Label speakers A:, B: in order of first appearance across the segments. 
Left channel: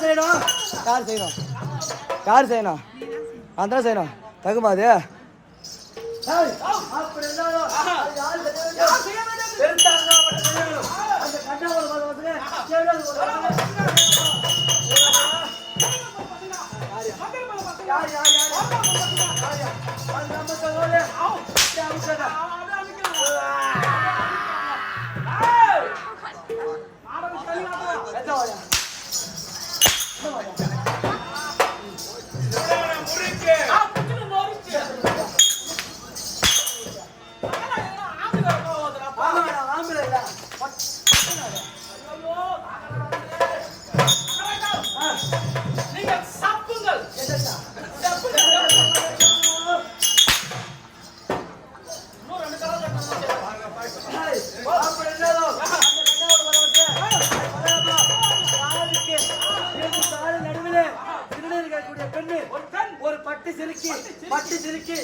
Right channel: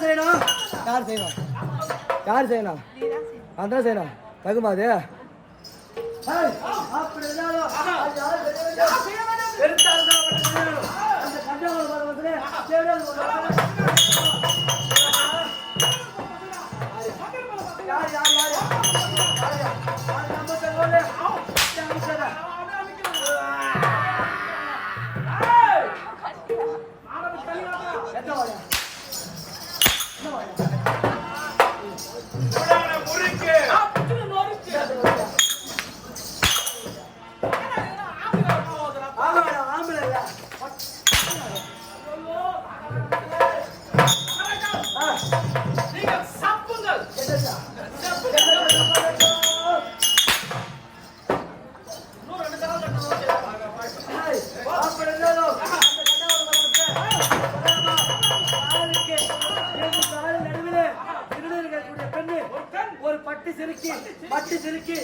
A: தான் செய்யணும்? யார் செய்யணும்? யார் செய்யணும்? நான் தான் செய்யணும். தகுமா அது ஏய், அப்படி இருந்தாலும் பெண்ணு ஒரு பட்டு சிலுக்கி பட்டு சிலுக்கி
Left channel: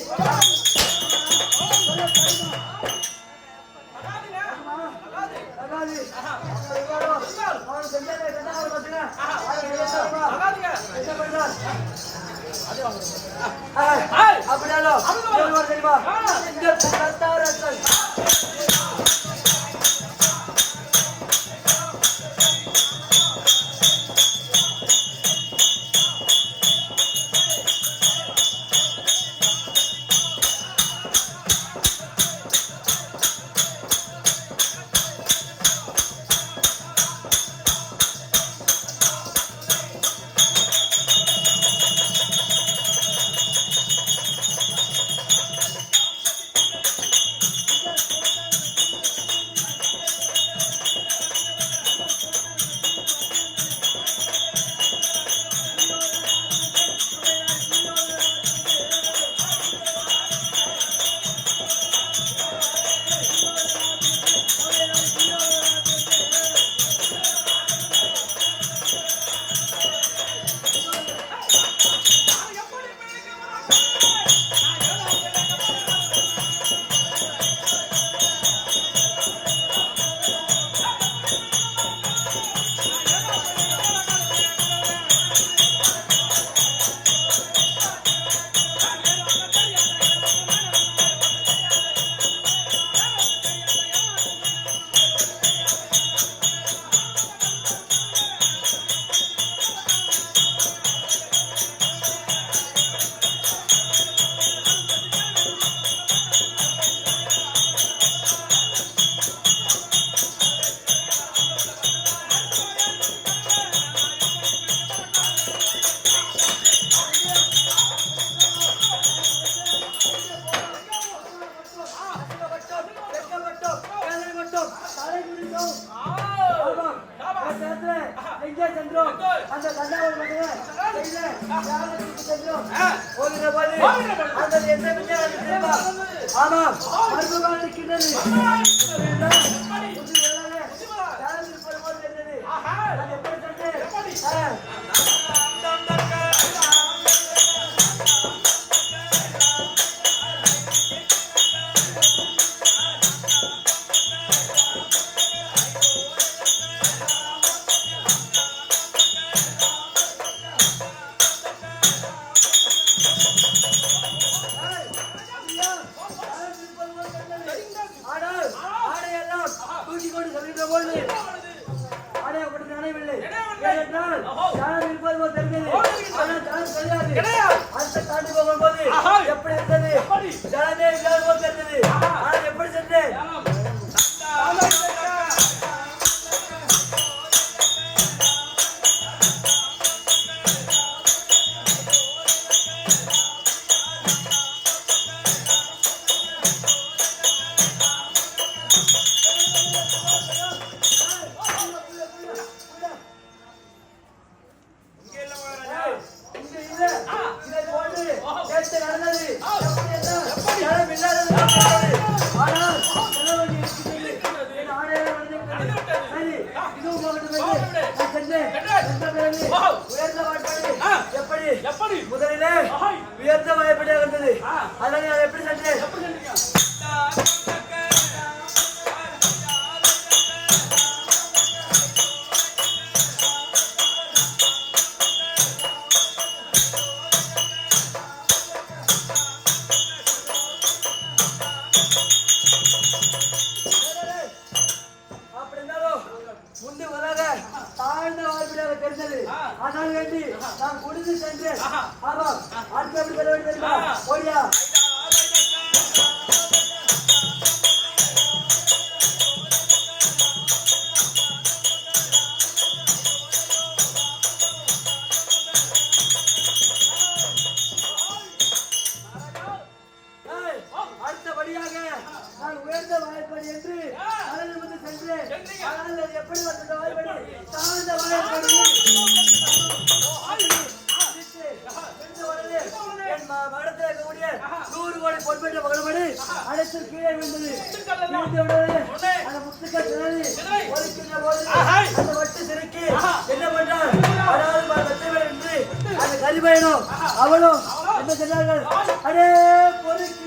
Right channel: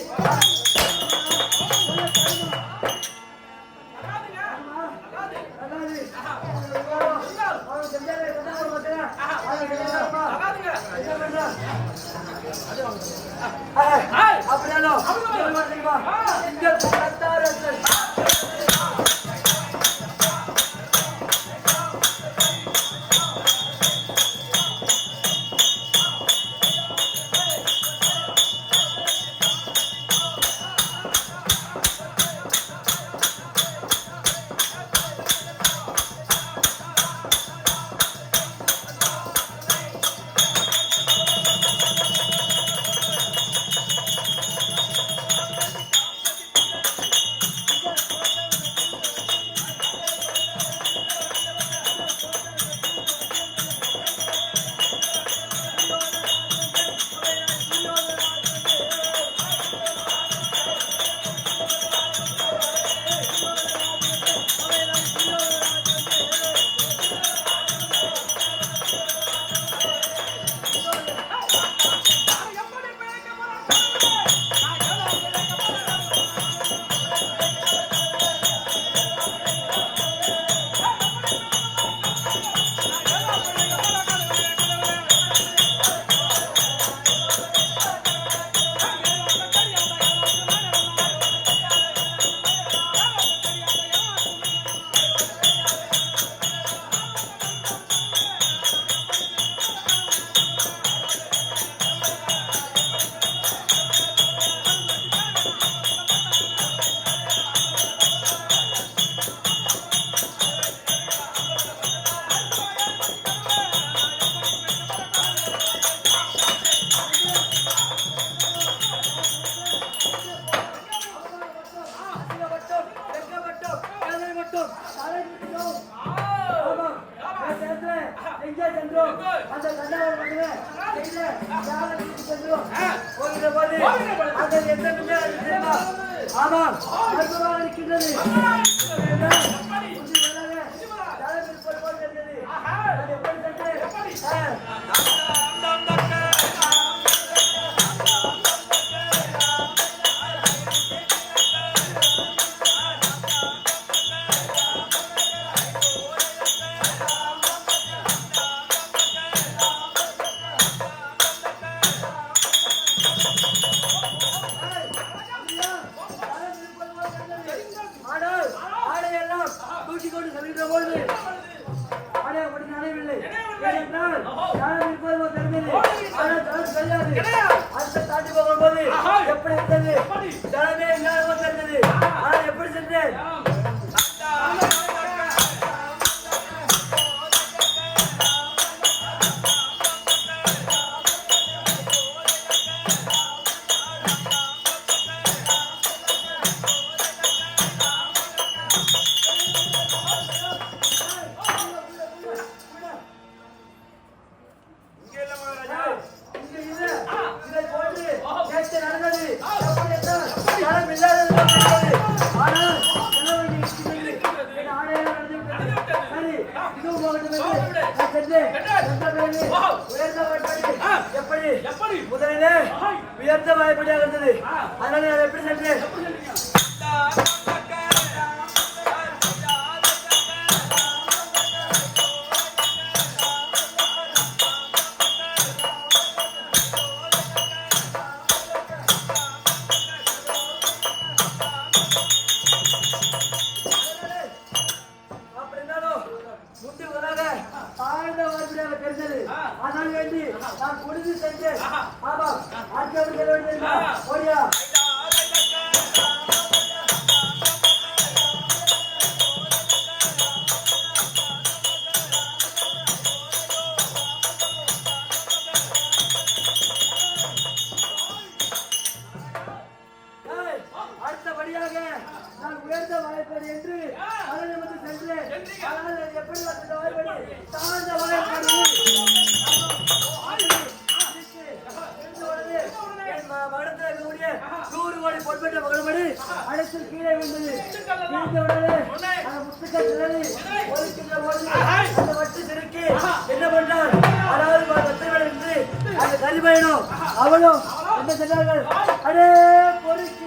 A: சொல்ல தருமா? சென்றோம்? அந்த தியாகத்துக்கு சென்றோம். ஓடுகிற போது அந்த எந்த? ஆமாம். இருக்கின்றது. எப்படி நடையவில்லை ஏனென்றால் தரம் இருப்பது தெரிந்தது ஆனால் தரம் தெரியாது அடுத்த தாண்டி போகும்போது எப்படி இருந்தது தரமே இல்லாத இதை போன்று நேற்று நடந்தது எப்படி இல்லாதது ஆனால் எப்படி
B: எப்படி
A: முதலிலே உயர்ந்த வாய்ப்படியாக இருந்தது அதனால எப்படி சென்றேன் ஆனால் வேண்டி நான் முடிந்து சென்றேன். ஆமாம் ஆட்சி அவர்கள் ஓடியா. அடுத்தபடியாக நான் உயர்ந்த வாய்ப்படி என்று அழகு வந்து சென்றேன். ஆனால் எப்படி வந்த வாய்ப்படி தாழ்ந்த வாய்ப்படி நூறு கோடி பொன்பெற்ற மகள்படி அனைத்து கீழே விழுந்தது. விழுந்த உடனே அந்த முத்துக்கள் சிதறி ஒலிக்கின்ற பொழுது அந்த வட்டு என்ன பண்ணார் அதாவது என்று அந்த கலிபயனும் அவளும் என்ன சொன்னார்கள்? அடே பொறுக்கி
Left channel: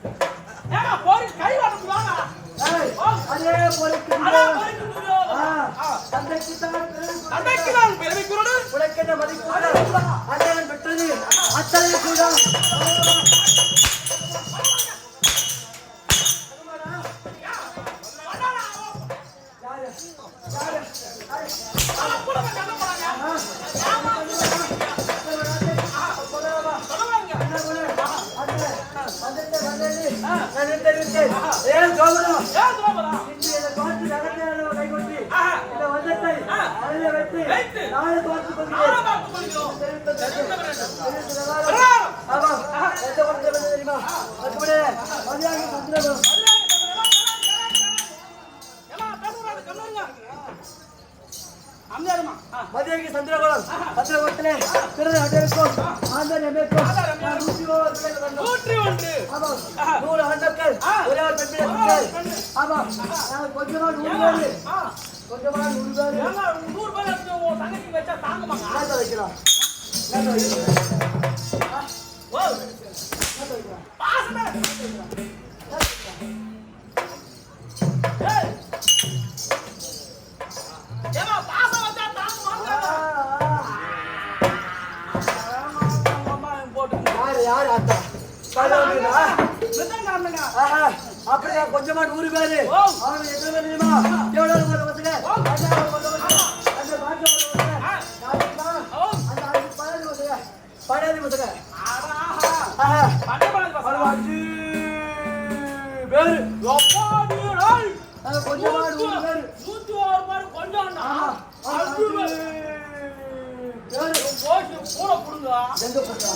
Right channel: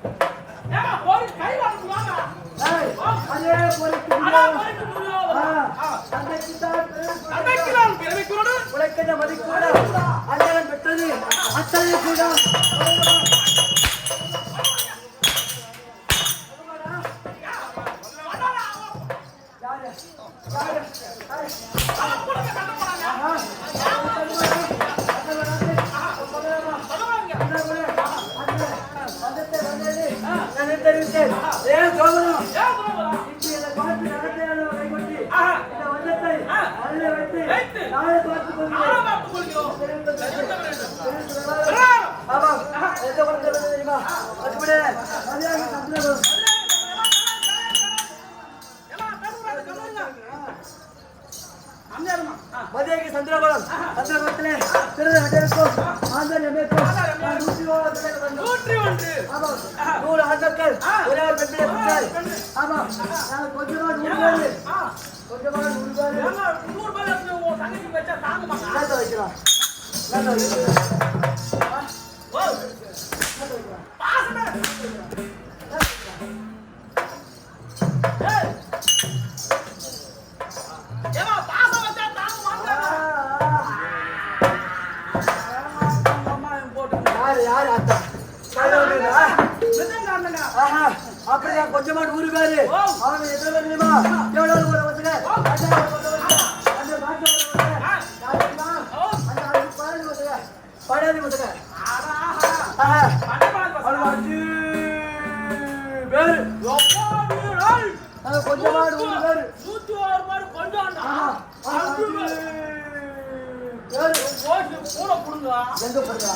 A: அடியே பொறுக்கின்றோம் தந்தைக்கு தான் தந்தைக்கு தான் பெருமை கூறணும் உழைக்கின்ற மதிப்பு அண்ணன் பெற்றது அத்தனை கூட யாரு யாரு தெரிவித்தேன் ஏன் சோமனம் பார்த்து நடத்தையான கைகொட்டி இந்த வஞ்சத்தை அதில் வைத்து மதியாகி சந்திரகுளம் சந்திரகுளத்திலே திருநெல்வேலி ஆந்தர் எம்ஏ நூற்றி ஆமாம். நூறு ஆண்டாக்கள் ஒரே ஒரு பெண்பிளை குட்டல் ஆமாம். நாங்கள் நூறு பேர் நூறு பேர் நூறு பேர் வச்சா தாங்குமாங்க நேற்று வைக்கிறோம் நேற்று பாசமே. மொத்தமா நூறு பேரு. அவங்க எத்தனை பேர் தெரியுமா? எவ்வளவு போற பசங்க அந்த நாட்டு பதினஞ்சு பசங்க பதினஞ்சு பசங்க. பேரு. கொஞ்சமா நூறு கொஞ்சம் கூட புடுங்க எங்க புடுங்க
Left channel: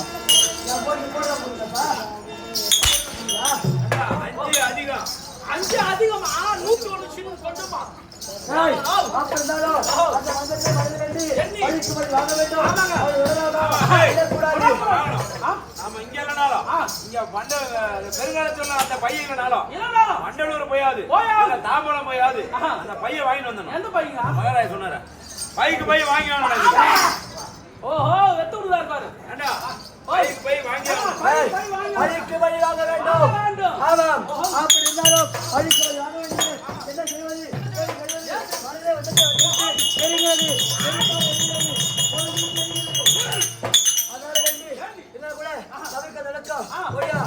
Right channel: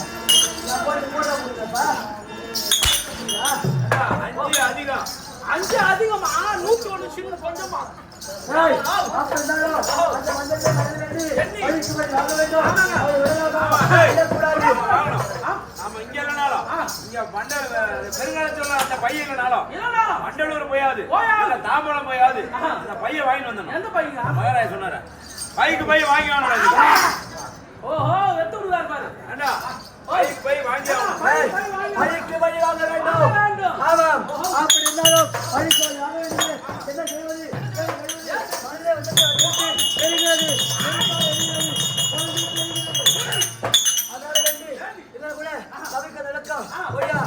A: அதிகம்.
B: அஞ்சு அதிகமா நூத்தி ஒண்ணு சின்ன கொஞ்சமா
C: பெருங்காலத்துல அந்த பையன் மண்டலூர் போயாது. தாம்பரம் போயாது. அந்த பையன் வாங்கிட்டு வந்தோம்
B: எந்த பையன்?
C: மகராஜ் சொன்னார. பைக்கு பையன் வாங்கி வாங்கினாரு
B: ஓஹோ
C: வெத்தூர்ல
A: இருப்பாரு பழிக்கு பழி வாங்க வேண்டும். ஆமாம். அப்படி இருந்தாலும் பழிக்கு பழி வாங்க வேண்டும் என்ன செய்வது? தெரிகிறது. அதனால வேண்டி இதெல்லாம் கூட தவிர்க்க நடக்கும். ஒய்யா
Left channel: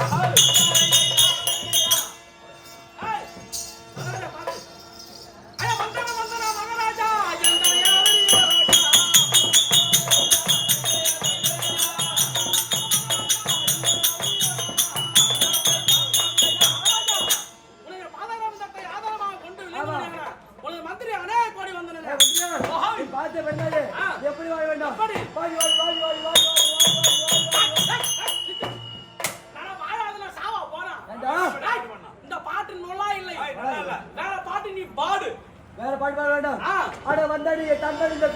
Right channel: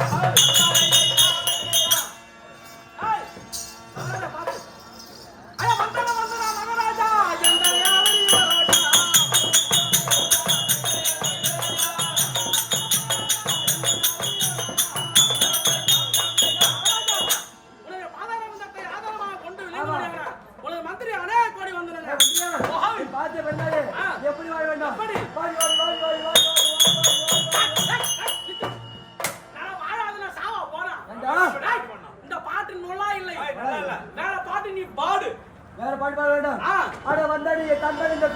A: பார்த்து
B: பண்ணாது
A: எப்படி வாழ வேண்டும் வாழி வாழி வாழி வாழி வாழி
B: வேற பாட்டு பாட
A: வேண்டாம். ஆட வந்தாடி தம்பதி இந்த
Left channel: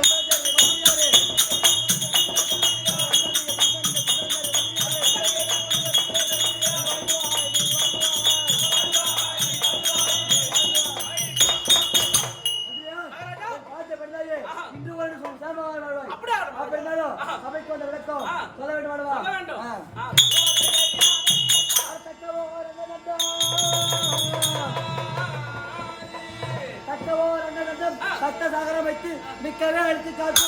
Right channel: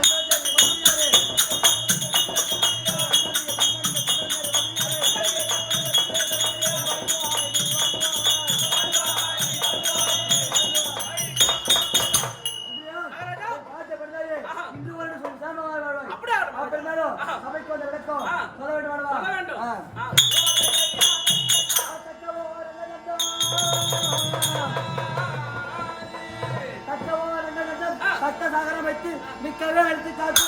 A: நகரம் வைத்து மிக்கவே அழைத்து காத்து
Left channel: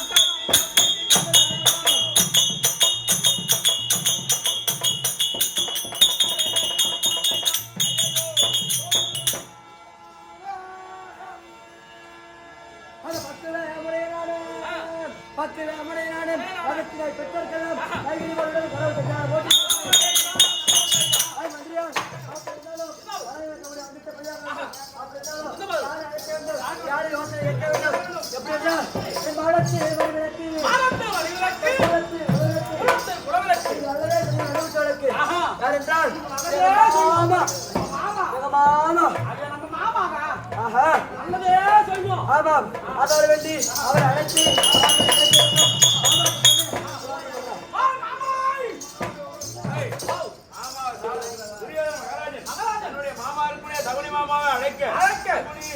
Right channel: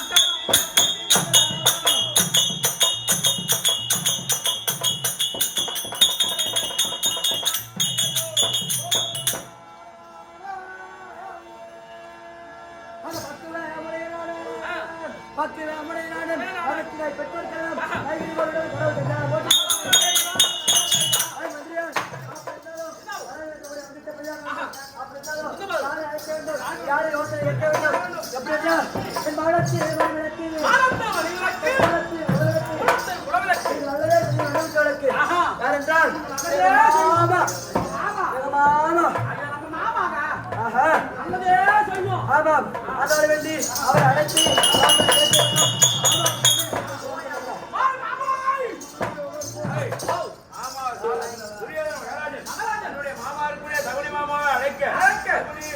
A: பத்து மந்திரியா
B: யாரென்றால்
A: மாமா
B: மாமா
A: அழைத்து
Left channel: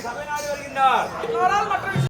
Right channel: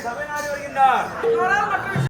A: ಸಭೆ ನಾರಿ